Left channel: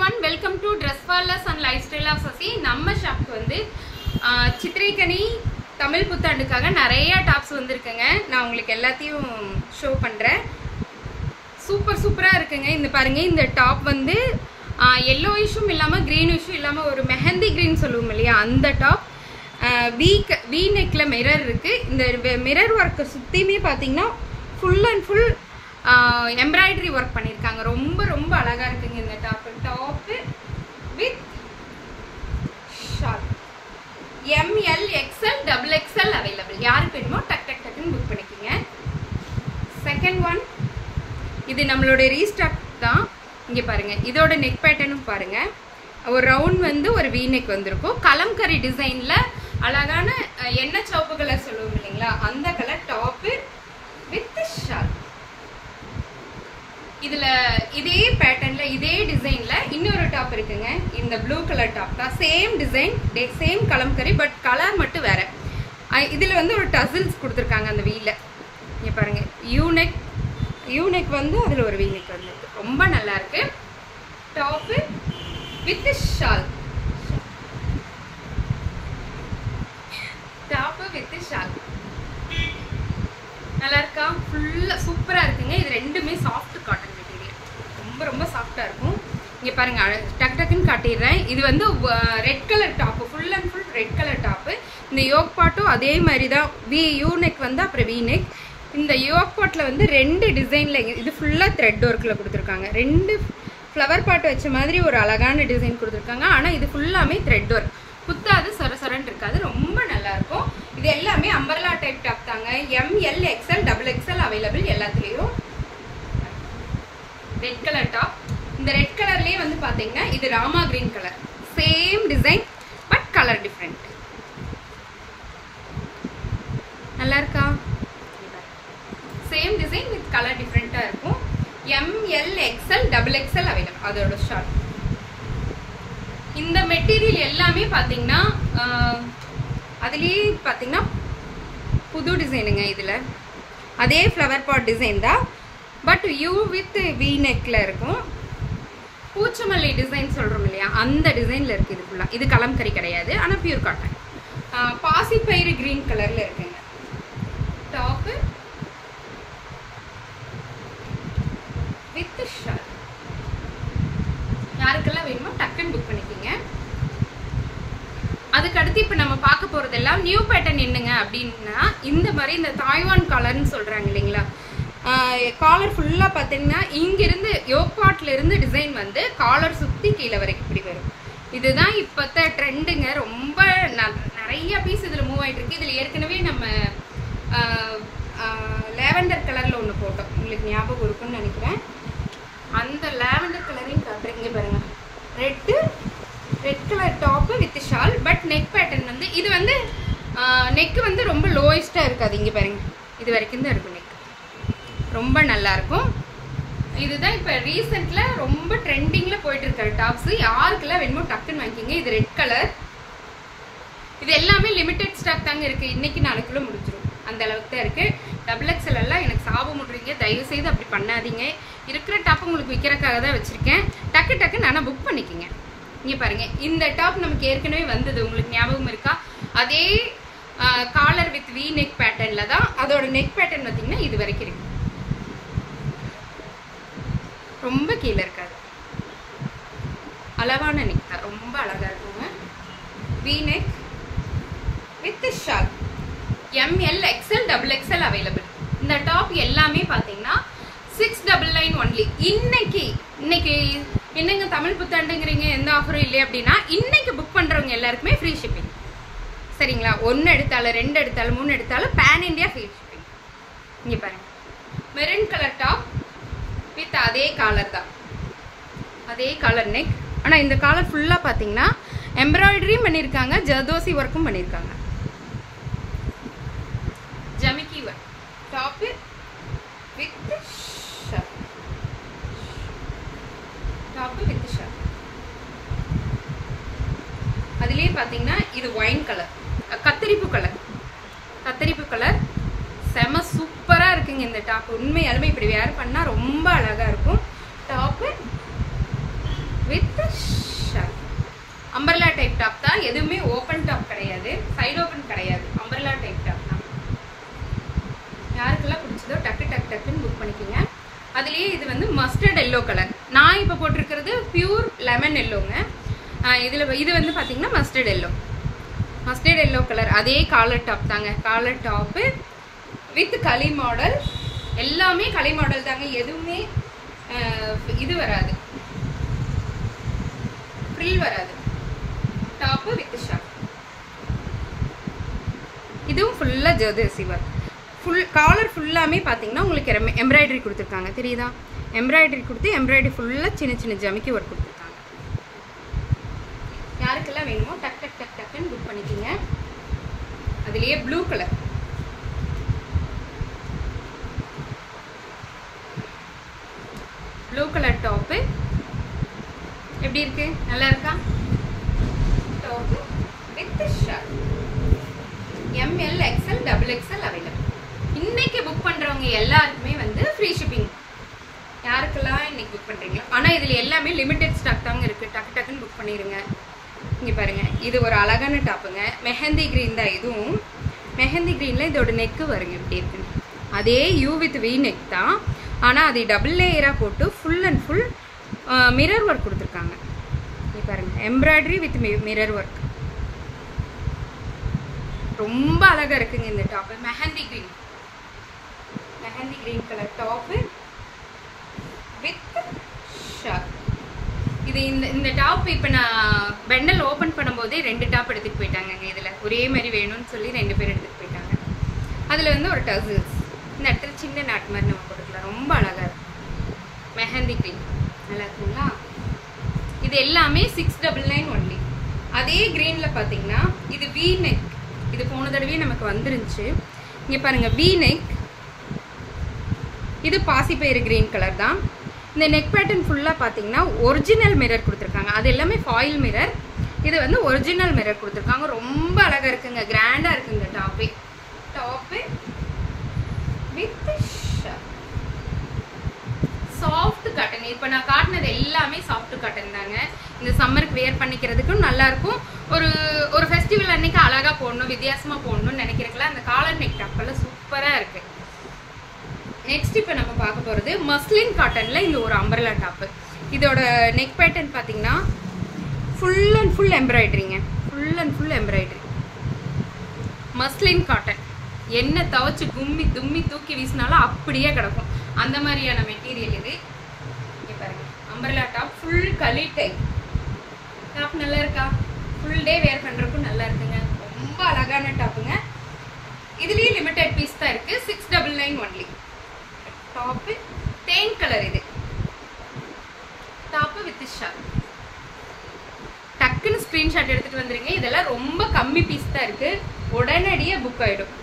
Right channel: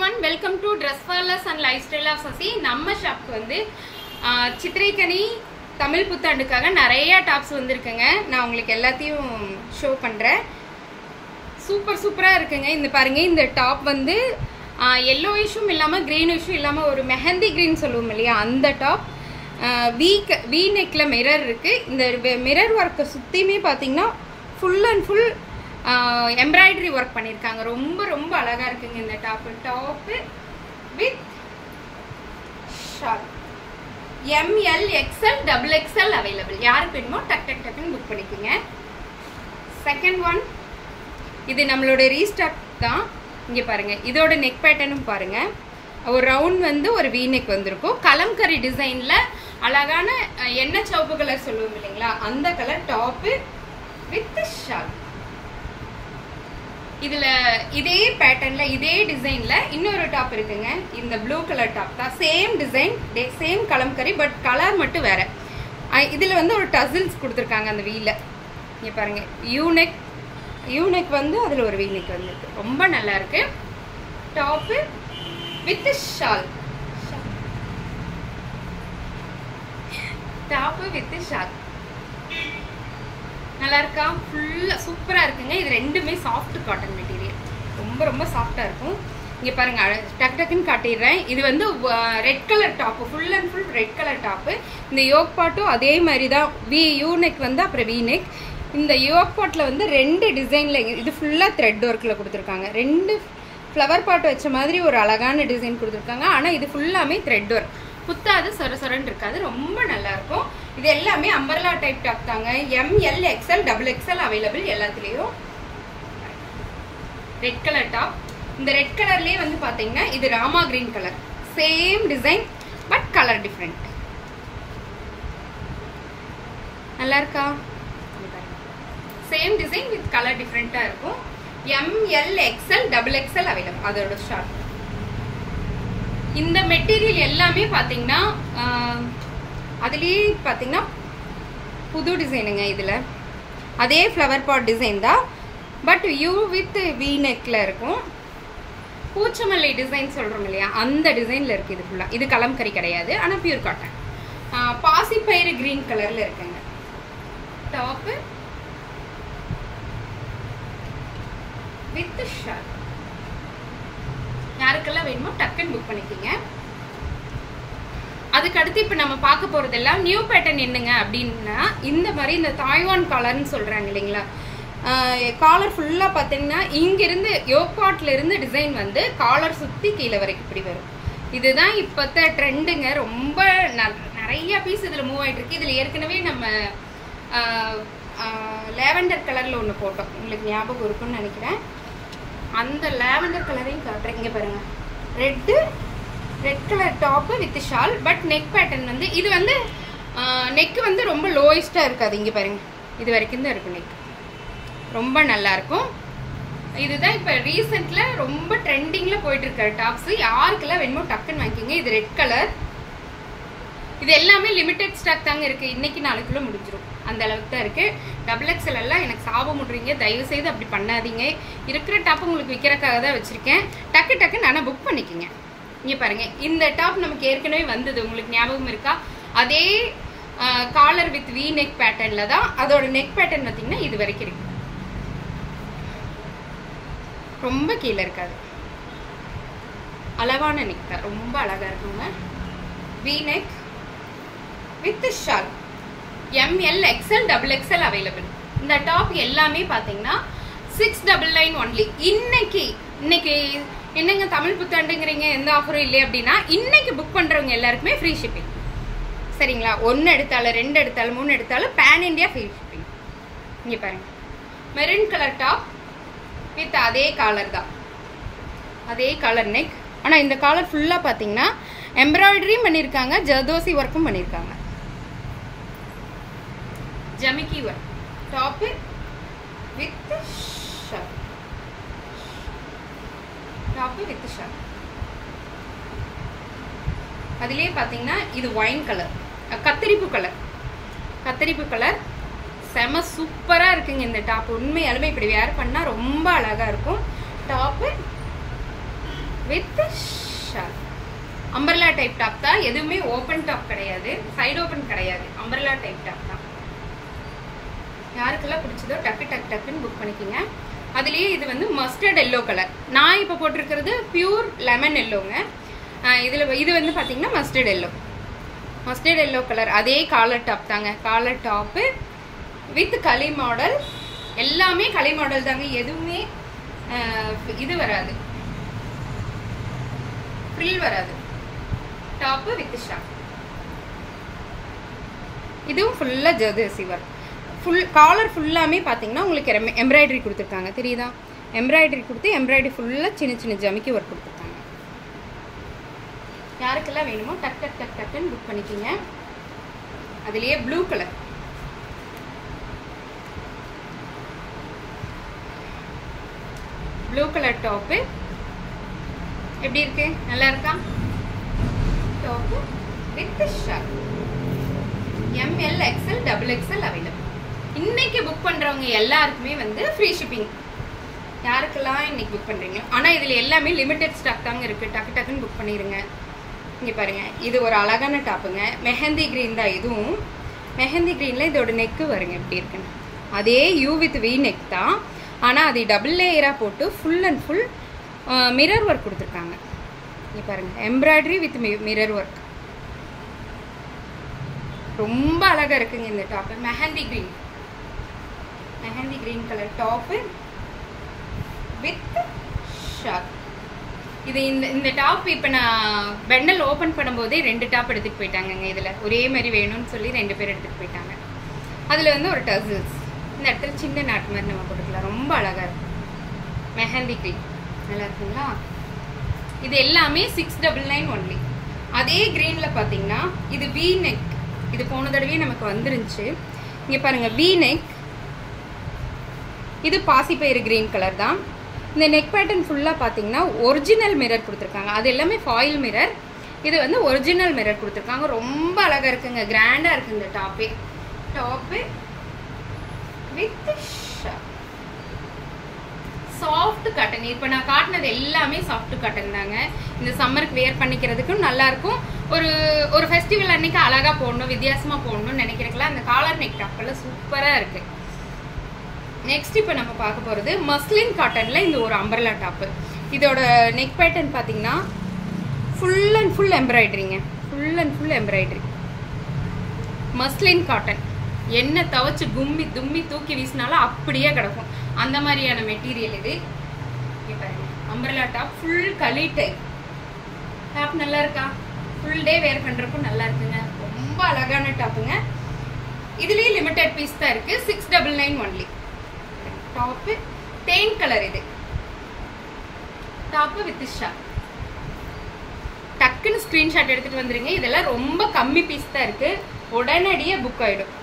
everyone, welcome to Dress for Less and Lifestyle of Sasi. நம்ம ஷாப்க்கு வந்து சித்திரைக்கனி தமிழ் புத்தாண்டுக்காக நிறைய tops வந்திருக்குங்க. நான் உங்களுக்கு எல்லாத்தையும் ஷோ பண்றேன். சூப்பரா இருக்குங்க. இந்த பாருங்க, இந்த டாப் வந்து yellowishm இல்லாம greenish இல்லாம ஒரு மெஹந்தி green சொல்லுவோம் இல்லையா, அந்த டாப். வி நெக்ல மிரர் இருக்கு. இந்த மிரர் ஒர்க் சுத்தியுமே பாத்தீங்கன்னா full and full embroidery work பண்ணியிருக்காங்க. ரொம்ப அழகா இருக்குங்க இந்த top with shawl. ML XL XXL available. யாருக்கு வேணுமோ டக்குன்னு புக் பண்ணிக்கோங்க. செகண்ட் ஒன், இது நம்மளோட ரீஸ்டாக் தான். இங்கே பாருங்க, இதோட நெக் பேட்டர்னும் பாருங்க. ஒரு ரவுண்ட் வந்து ஒரு வி நெக் வந்திருக்கும். கலம்கரி டிசைன்ல அழகான எண்ணெய் சிவப்பு கலர் சொல்லுவோம் இல்லைங்களா, அந்த கலர் டாப்பு வித் ஷால். இதுல இதே பேட்டர்ன்ல இதே டிசைன்ல இன்னொரு டாப் இருக்குங்க. இந்த ப்ளூ கலர் டாப் தான். Same design, same kalamkari, but colour மட்டும் வேற. இதுல வந்து ஒரு டசில்ஸ் கொடுத்துருக்காங்க அந்த வீல. இங்க பாருங்க, யூனெக் வந்து அதுல ஒரு வீநெக் வந்துருக்கு. ரொம்ப நல்லா இருக்கு. Top with shawl. Top with shawl நல்லா இருக்கா? ஃபுல்லா சூப்பரா இருக்குங்க. இது ரெண்டுமே சாஃப்ட் காட்டன் மெட்டீரியல். ரொம்ப சாஃப்டா இருக்கும். இங்க பாருங்க, டக்குன்னு காட்டிடுறேன். இது வந்து red colour top, full and full red colour top. இந்த யோக் பாட்டும் அதே மாதிரி தான். யூ நெக் வந்து அப்புறம் வி நெக். இந்த யோக் பாட்ல வந்து ரெண்டு டிசைன்ல, இது ஃபுல்லா த்ரெட் ஒர்க்ல கொடுத்துருக்காங்க. ரெண்டு ஃப்ளவர் பாட் வச்ச மாதிரி ஒரு அழகான டிசைன் கொடுத்துருக்காங்க. ஆனா இது ஃபுல்லாமே த்ரெட் ஒர்க். குத்தாது, சொரன்னு இருக்காது. ரொம்ப நல்லா இருக்கும். இது எல்லாமே அம்பர்லா டைப் டாப் தாங்க. ML XL XXL அவைலபிள் எல்லாத்துலயும். Red colour top. இந்த ரெட் கலர்லயே வந்து பாத்தீங்கன்னா இது Rama green colour. Same design but colour different. நல்லா இருக்கா? சேம் டிசைன் வித் கலர் டிஃபரெண்டா இருக்கும். ML XL XXL available. அதோட ஷார்ட். இந்த மெட்டீரியல் எல்லாமே பாத்தீங்கன்னா அதுலயே பாத்தீங்கன்னா புது டிசைனுங்க. இதுல அதே ஃப்ளவர் பாட் டிசைன் தான், பட் யூ வித் வி நெக்ல இருக்கும். பூச்சமல்லி டிசைன் சொல்றோம் இல்லையா, அந்த டிசைன்ல இருக்கு. இது ஃபுல்லா இது கலம்கரி கிடையாது, ஆனா பியூர் காட்டன். பாசிப்பயிறு கிரீன் கலர்ல இருக்குங்க. Top with shawl. யாருக்கெல்லாம் வேணுமோ டக்குன்னு புக் பண்ணிக்கோங்க. அதுக்கு அடுத்து இப்ப நம்ம பார்க்க போறதெல்லாம் நியூ பேட்டர்ன் என்னங்க அப்படின்னா, இந்த மாதிரி இந்த தாய்வான் காலர்னு சொல்றாங்க இல்லைங்களா. காலர் ஃபுல்லா பாத்தீங்கன்னா இங்கிருந்து யோக்பாட்ல இருந்து டிசைன் வந்து காலர் சுத்தி கீழே வரைக்கும் இப்படி வரும். இதுதான் இப்பத்த ட்ரெண்டுங்க. ரொம்ப நிறைய பீஸ் இதுல மூவ் ஆயிட்டு இருக்கு. இதுல ஏற்கனவே நம்ம லேவெண்டர் கலர்ல ஒண்ணு போட்டோம், உங்களுக்கு ஞாபகம் இருக்குன்னு நினைக்கிறேன். அந்த லேவெண்டர் கலரையும் காட்டுறேன். இங்க பாருங்க, red colour top with shawl. But neck pattern வந்து இது வந்து நெக் வந்து ரொம்ப லோயஸ்டா இருக்காது. இங்க பாருங்க, இது வரைக்கும் தான் இருக்கும் நெக். ரொம்ப நல்லா இருக்கும். இதுதான் இப்ப ரீசெண்ட்ல ரொம்ப ட்ரெண்டிங்ல போயிட்டு இருக்கிற டாப்ஸ். யாருக்கெல்லாம் வேணுமோ டக்குன்னு வாங்கிக்கோங்க. இது ரெட் கலர். இது எல்லாமே லிமிடெட் ஸ்டாக் தாங்க இருக்கு. இன்னைக்கு நாளைக்குள்ள முடிஞ்சிடும், அந்த அளவுக்கு தான் இருக்கு. XXL எல்லாம் எனக்கு சாபம் முடுறீங்க, தயவு செய்து அப்படி பண்ணாதீங்க. இருக்கிற டாப் உங்களுக்கு விற்கிறக்காக தான் வச்சிருக்கேன். டக்குன்னு நானா புக் பண்ணிக்கோங்க. இங்க பாருங்க, இந்த டாப் நமக்கு ஏற்கனவே வந்தது, உங்களுக்கு ஞாபகம் இருக்கா? அதே காலர் வித் வி நெக் பேட்டர்ன்ல தான். அதோட நெக் பேட்டர்ன் பார்த்தீங்கன்னா இது வரைக்கும் இருக்கு. ரொம்ப கீழே இருக்காது, அளவான நெக் தான். ரொம்ப அழகா இருக்குங்க. V neck with shawl. ML XL XXL available. இந்த டாப் எல்லாமே பாத்தீங்கன்னா 699 ஒன்லி. இன்னைக்கு என்னங்க தமிழ் புத்தாண்டுங்கிறீங்க, எந்த ஆஃபரும் இல்லை அப்படின்னா, இன்னைக்கு புக் பண்றவங்க எல்லாருக்குமே ஃப்ரீ ஷிப்பிங். சரிங்களா? 1 எடுத்தாலும் 2 எடுத்தாலும் 3 எடுத்தாலும் பேன் இண்டியா ஃப்ரீ ஷிப்பிங். இங்க பாருங்க, மெரூன் கலர் டாப் வித் அதே காலர் தான், அதே காலர் நெக். ஆனா இந்த காலர் ஃபுல்லா பாத்தீங்கன்னா எம்ப்ராய்டரியும் பண்ணிருக்காங்க, ஜர்தோசி ஒர்க்கும் பண்ணிருக்காங்க. ஜமிக்கி work. Top with shawl. Top with shawl. அதுலயே பாத்தீங்கன்னா இது ஒயின் கலர், கத்தரிப்பு கலர். செம சூப்பரா இருக்குங்க இந்த டாப். உண்மையாலுமே இப்படி வேர் பண்ணா ரொம்ப அழகா இருக்கும். Top with shawl. Umbrella type top தான், எதுவுமே ஓப்பன் டாப் கிடையாது, சைடு ஓப்பன் கிடையாது, அம்பர்லா டைப் டாப் தான். யாருக்கெல்லாம் பிடிச்சதோ டக்கு டக்கு டக்குன்னு புக் பண்ணிக்கோங்க. அதுலேயே இது வந்து மஸ்டர்ட் எல்லோ கலர். நான் இப்போ போட்டிருக்கிறது பியூர் லெமன் எல்லோங்க. இது வந்து பார்த்தீங்கன்னா மஸ்டர்ட் எல்லோ கலர். அதே காலர் டாப் தாங்க, collar top with kali model. எல்லாமே களி மாடல் தாங்க, எதுவுமே இது வராது, ஃப்ரில் வராது. Top with shawl. இதுவும் ஃபுல்லாக ஜர்தசி ஒர்க். ஃபுல் காலர் ஃபுல்லாமே பார்த்தீங்கன்னா உங்களுக்கு எம்ப்ராய்டரி கொடுத்துருக்காங்க, தெரியுதா? எம்ப்ராய்டரி கொடுத்து எம்ப்ராய்டரி ஃபுல்லாக சின்ன சின்ன ஜமிக்கி ஒர்க் கொடுத்துருக்காங்க. யாருக்கெல்லாம் வேணுமோ டக் டக் டக் டக்குன்னு புக் பண்ணிக்கிங்க. அதுலேயே blue colour, blue colour top எப்படி இருக்கு? நல்லா இருக்கா? Top with shawl. ML XL XXL available. இன்னைக்கு புக் பண்றவங்க எல்லாருக்குமே வந்து ஃப்ரீ ஷிப்பிங். யாருக்கெல்லாம் இன்னைக்கு புக் பண்றீங்களோ, ஆனால் இதில் எல்லாமே லிமிடெட் ஸ்டாக் தாங்க இருக்கு, டக்கு டக்குன்னு புக் பண்ணிடுங்க. இங்கே பாருங்க, இது ஒரு அழகான டாப்புங்க, மெஹந்தி கிரீன் தான். இதுவும் மெஹந்தி கிரீனில் இதோட நெக்கு வருங்க எப்படி இருக்குன்னு. அதே யூ வித் வி நெக் தான், ஆனால் அது டபுள் லேயராக போட்டு full and full mirror work கொடுத்துருக்காங்க. இங்கே பாருங்க, எம்ப்ராய்டரி வித் மிரர் ஒர்க் ரொம்ப அழகா இருக்குங்க இந்த top. Mehndi green colour top with shawl. இது இந்த டாப் இப்போ நான் பெண்டல் ஓப்பன் பண்ணும்போதே 2 டாப் எடுத்துட்டு போயிட்டாங்க. இதில் ஒரே மாதிரி வேணும்னு சொல்லி 2 பேர் எடுத்துட்டு போயிட்டாங்க. அதில் வந்து ஒரு டசல்ஸ் இந்த இடத்துல சின்ன நாட் மாதிரி நம்ம போட்டுக்கலாம், ரொம்ப அழகா இருக்கும். மெஹந்தி கிரீன் நல்லா இருக்குங்களா? இது எல்லாமே 699 ஒன்லி. அதே கிரீனில் பார்த்தீங்கன்னா இது வி நெக். இது போன தடவையே நமக்கு வந்துருந்துச்சு. இங்கே பாருங்க, வி நெக். இது பாசிப்பயிறு கிரீன் கலர் தான். இந்த நெக் பேட்டர்ன் ஃபுல்லாக பார்த்தீங்கன்னா ஒரிஜினல் மிரர் கொடுத்துருக்காங்க. அது எல்லாமே ஃபாயில் மிரர், இது வந்து ஒரிஜினல் மிரர் கொடுத்துருக்காங்க. ரொம்ப அழகாக இருக்குங்க, கிராண்டாக இருக்குது இந்த top with shawl. Soft cotton. இப்போ நான் காட்டினது எல்லாமே சாஃப்ட் காட்டன் தாங்க. இந்த சம்மருக்கு வேர் பண்ணிக்கிறதுக்கும் நல்லாயிருக்கும். ஒரு ஃபெஸ்டிவல் அன்னைக்கு அழகாக போடணும், வித்தியாசமாக போடணும்னு நினைக்கிறதுக்கெல்லாம் அந்த காலர் நெக் டாப்பெல்லாம் சூப்பராக இருக்குது. நெக்ஸ்ட் இப்போ நம்ம பார்க்க போகிறது மஸ்லின் காட்டனில் இந்த ஒரு அம்பர்லா டாப்பு. இதோட நெக் பேட்டர்ன் பார்த்தீங்கன்னா ஃபுல் அண்ட் ஃபுல் எம்ப்ராய்டரிங்க, full and full embroidery. Muslin cotton என்ன துவச்சி தும்மி தூக்கி வீசினாலும் அப்படியே கிடக்கும், அந்த மாதிரியான மெட்டீரியல் இது. இங்கே பாருங்க, அம்பர்லா டாப் ஃபுல் களி டைப் டாப். நல்லா இருக்கா? ஃபுல் டே வேர் பண்ணுறக்கும் நல்லா இருக்குங்க, ரொம்ப அழகான டாப்புங்க. இதுலேயே லிமிடெட் பீஸ் தான் இருக்குது, 699 ஒன்லி. டாப்பு தேன் கலர். இது டாப்பு வித் ஷால். டக்குன்னு ஸ்க்ரீன்ஷாட் எடுத்துகிட்டு வந்துடுங்க. இதெல்லாம் ரொம்ப கம்மி பீஸ் தான் இருக்குது, உடனடியாக புக் ஆகிடும்.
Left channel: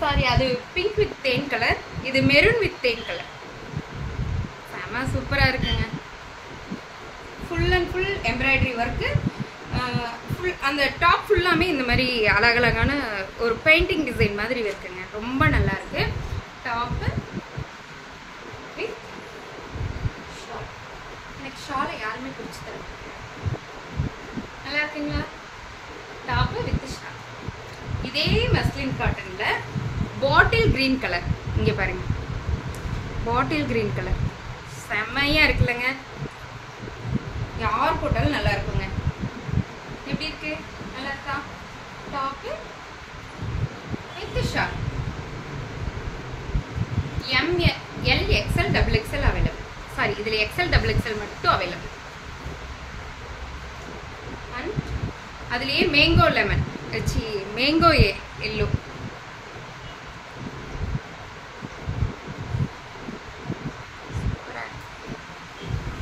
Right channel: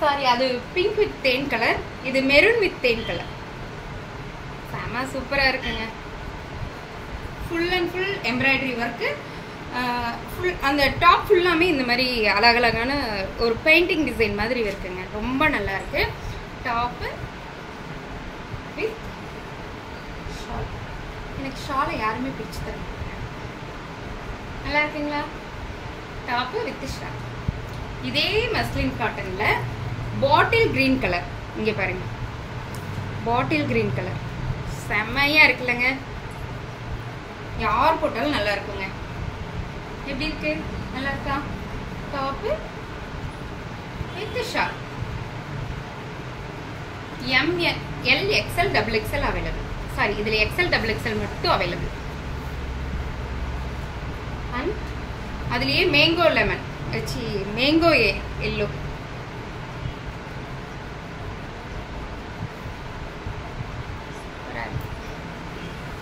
சாரி, அது பிங்க் வித் தேன் கலர், இது மெரூன் வித் தேன் கலர். செம சூப்பராக இருக்குங்க. Full and full embroidery work. Full அந்த டாப் ஃபுல்லாமே இந்த மாதிரி அழகழகான ஒரு பெயிண்டிங் டிசைன் மாதிரி இருக்குங்க, ரொம்ப நல்லா இருக்கு. Top with shawl. எனக்கு ஷாலை யாருமே பிடிச்சி தர மாட்டாங்க. நல்லா இருக்குங்களா? Top with shawl. இதே மஸ்லின் காட்டனில் பாட்டில் கிரீன் கலர். இங்கே பாருங்க, பாட்டில் கிரீன் கலர் செம்மையாக இருக்குல்லங்க. யார் போட்டாலும் நல்லா இருக்குங்க. எப்படி இருக்கு? நல்லா இருக்கா? Top with shawl. ML XL XXL available. Sorry, இதில் XL XXL மட்டும் அவைலபிள். அண்ட் அதுலேயே mango lemon, mango yellow.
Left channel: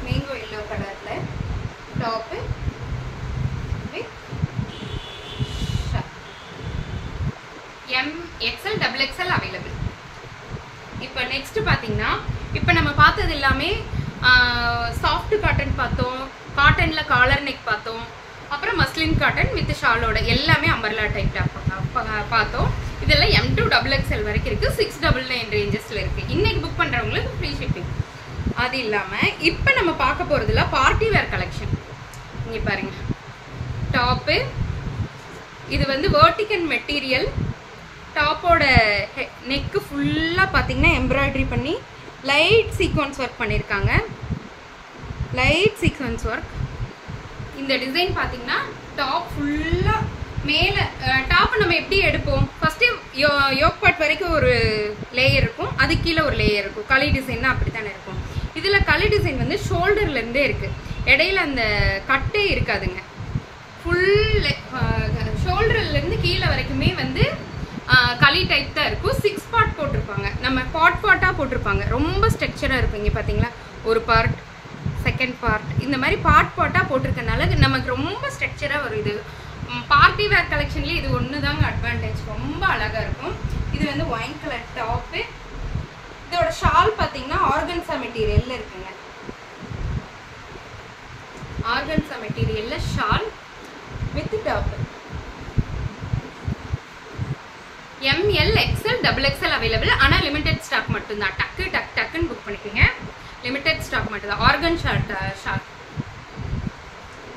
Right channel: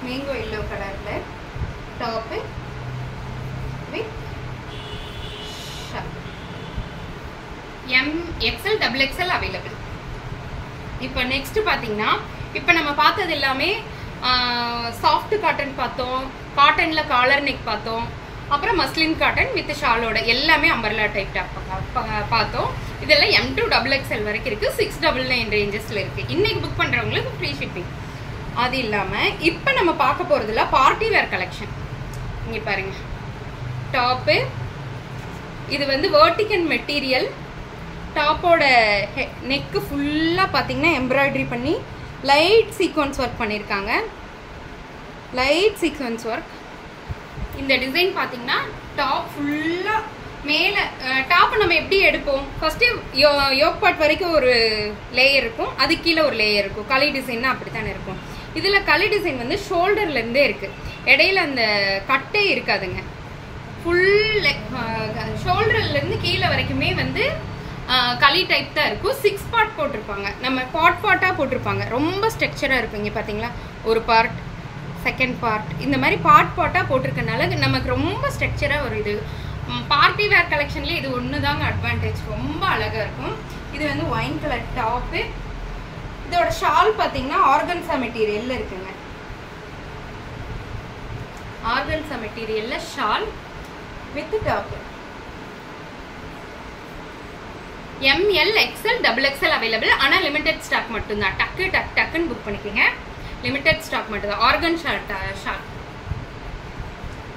Mango yellow கலரில் top with shawl. XL XXL available. இப்போ நெக்ஸ்ட் பார்த்தீங்கன்னா, இப்போ நம்ம பார்த்தது எல்லாமே சாஃப்ட் காட்டன் பார்த்தோம், காட்டனில் காலர் நெக் பார்த்தோம், அப்புறம் மஸ்லின் காட்டன் வித் ஷாலோட எல்லாமே அம்பர்லா டைப் டாப் பார்த்தோம். இதெல்லாம் M2 XXL வரைக்கும் இருக்குது, 699 ரேஞ்சஸில் இருக்குது. இன்றைக்கி புக் பண்ணுறவங்களுக்கு ஃப்ரீ ஷிப்பிங். அது இல்லாமல் இப்போ நம்ம பார்க்க போகிறதுல பார்ட்டி வேர் கலெக்ஷன். இங்கே பாருங்க, டாப்பு இது வந்து வெர்டிகல் மெட்டீரியல். டாப்போட நெக்கு ஃபுல்லாக பார்த்தீங்கன்னா எம்ப்ராய்டரி பண்ணி லைட் சீக்வன்ஸ் ஒர்க் பண்ணியிருக்காங்க. Light sequence work. இந்த டிசைன் பார்த்தீங்கன்னா டாப் ஃபுல்லாக மேலே டாப்பை நம்ம எப்படி எடுப்போம், ஃபஸ்ட்டு யோக் பார்ட் வரைக்கும் ஒரு லேயர் இருக்கும், அது கீழே ஒரு லேயர் இருக்கும். களி டிசைன்னா அப்படி தானே இருக்கும். இதில் களி டிசைன் வந்து ஷோல்டர்லேருந்தே இருக்குது, இடையில அந்த கட்டே இருக்காதுங்க. ஃபுல் ஷோல்டர்லேருந்து கீழே வரைக்குமே வந்து களி டைப் தான் இருக்கும். 6 பார்ட் போட்டிருப்பாங்க, நம்ம பார்ட்டாக போட்டிருப்பாங்க. ரொம்ப ஸ்ட்ரக்சராக இருக்கும். இங்கே பார்த்தீங்களா, ஒரு பார்ட், செகண்ட் பார்ட், இந்த மாதிரி பார்ட்டாக போட்டிருக்கனால நமக்கு ரொம்ப ஸ்ட்ரக்சராக ஒரு இது. பார்ட்டி வேர் கலெக்ஷன்லேயே இது ஒன்று தாங்க அட்வான்டேஜ். ரொம்ப அழகாக இருக்கும். இது வந்து ஒயின் கலர் டாப்பு. இதோட ஷால் பார்த்தீங்கன்னா ஆர்கன்சா மெட்டீரியலில் இருக்குங்க. ஆர்கன்சா மெட்டீரியலில் shawl with top. ML XL XXL available. ஆனால் லிமிடெட் ஸ்டாக் மட்டும்தான். டக்குன்னு புக் பண்ணிக்கோங்க. லிமிடெட் ஸ்டாக் மட்டும்தான். Organza shawl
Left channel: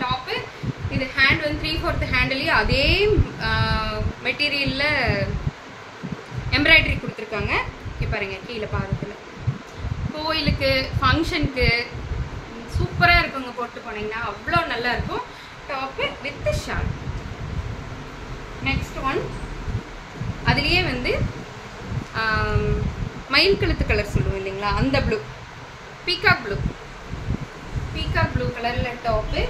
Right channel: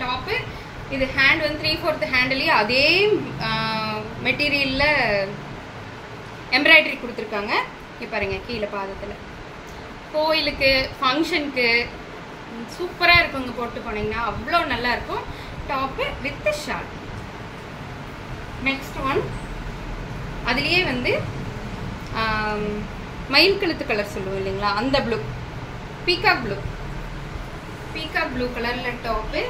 top. இது ஹேண்ட் வந்து 3/4 ஹேண்ட்லேயே அதே மெட்டீரியலில் எம்ப்ராய்டரி கொடுத்துருக்காங்க. இப்போ பாருங்க, கீழே பாதத்தில் கோயிலுக்கு ஃபங்க்ஷனுக்கு சூப்பராக இருக்குங்க. போட்டு போனீங்கன்னா அவ்வளோ நல்லா இருக்கும். Top with shawl. Next one, அதுலேயே வந்து மயில் கழுத்து கலர் சொல்லுவோம் இல்லைங்களா, அந்த ப்ளூ, பீகாக் ப்ளூ கலரில் டாப்பு.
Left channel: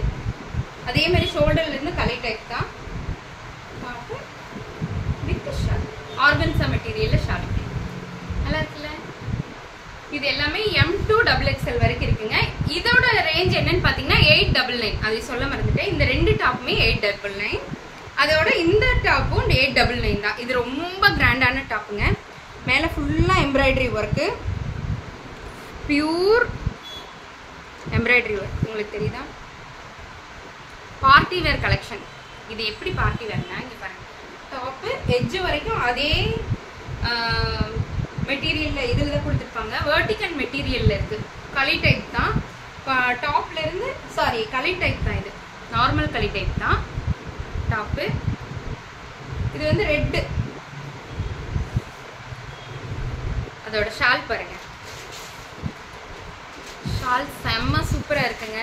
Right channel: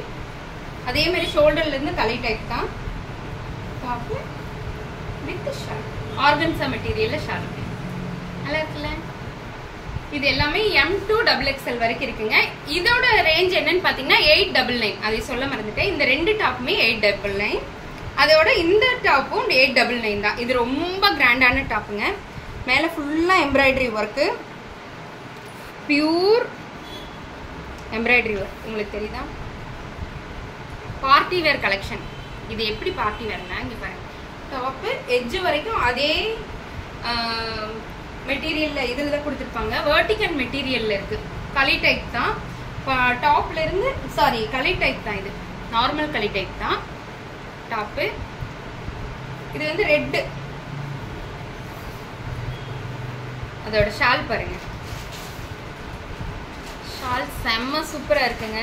அதே மாதிரி ஷோல்டர்லேருந்து களி டைப் தான். டாப்பு வித் ஷால், ஆர்கன்சா மெட்டீரியலில் ஷால். நல்லா இருக்குல்ல? இது எல்லாமே M to XXL வரைக்கும் இருக்குங்க. இதோட ரேஞ்ச் என்னன்னு பார்த்தீங்கன்னா 899. அதை சொல்ல மறந்துட்டேன். இந்த 2 டாப்புமே 899. அதோட இந்த டாப்பும் 899 தான். இது ரொம்ப கிராண்டான டாப்புங்க. மேலே ஃபுல்லாக embroidery work, pure embroidery work. உங்களுக்கு தெரியுதா? Party wear collection. இது எப்படி பார்ட்டி வேர்னா, இங்கே பாருங்க, டாப்பு எட்ஜு வரைக்கும் அதே மெட்டீரியலில் இதில் தான் கொடுத்துருப்பாங்க. வெர்டிகல் மெட்டீரியலில் இருக்குது. களி டைப் தான். டாப்லேருந்து களி டைப் தான். இது நார்மல் களி டைப் தான் டாப்பு. இது வந்து ரெட்டு. அதோட ஷால் பாருங்க, ஷால் செம்ம சூப்பராக இருக்குங்க.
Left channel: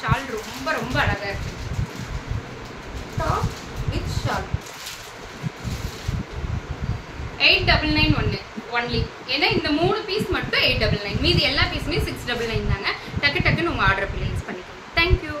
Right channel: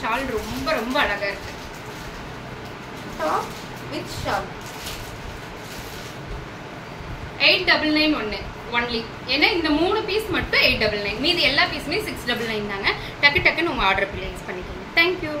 ஷால் ரொம்ப ரொம்ப அழகாக இருக்கு. Top with shawl 899 only. ஏன்னா இந்த 3 பீஸ் மட்டும் 899. மீதி எல்லா பீஸுமே 699 தாங்க. டக்குன்னு உங்கள் ஆர்டர் பிளேஸ் பண்ணிக்கோங்க. தேங்க்யூ.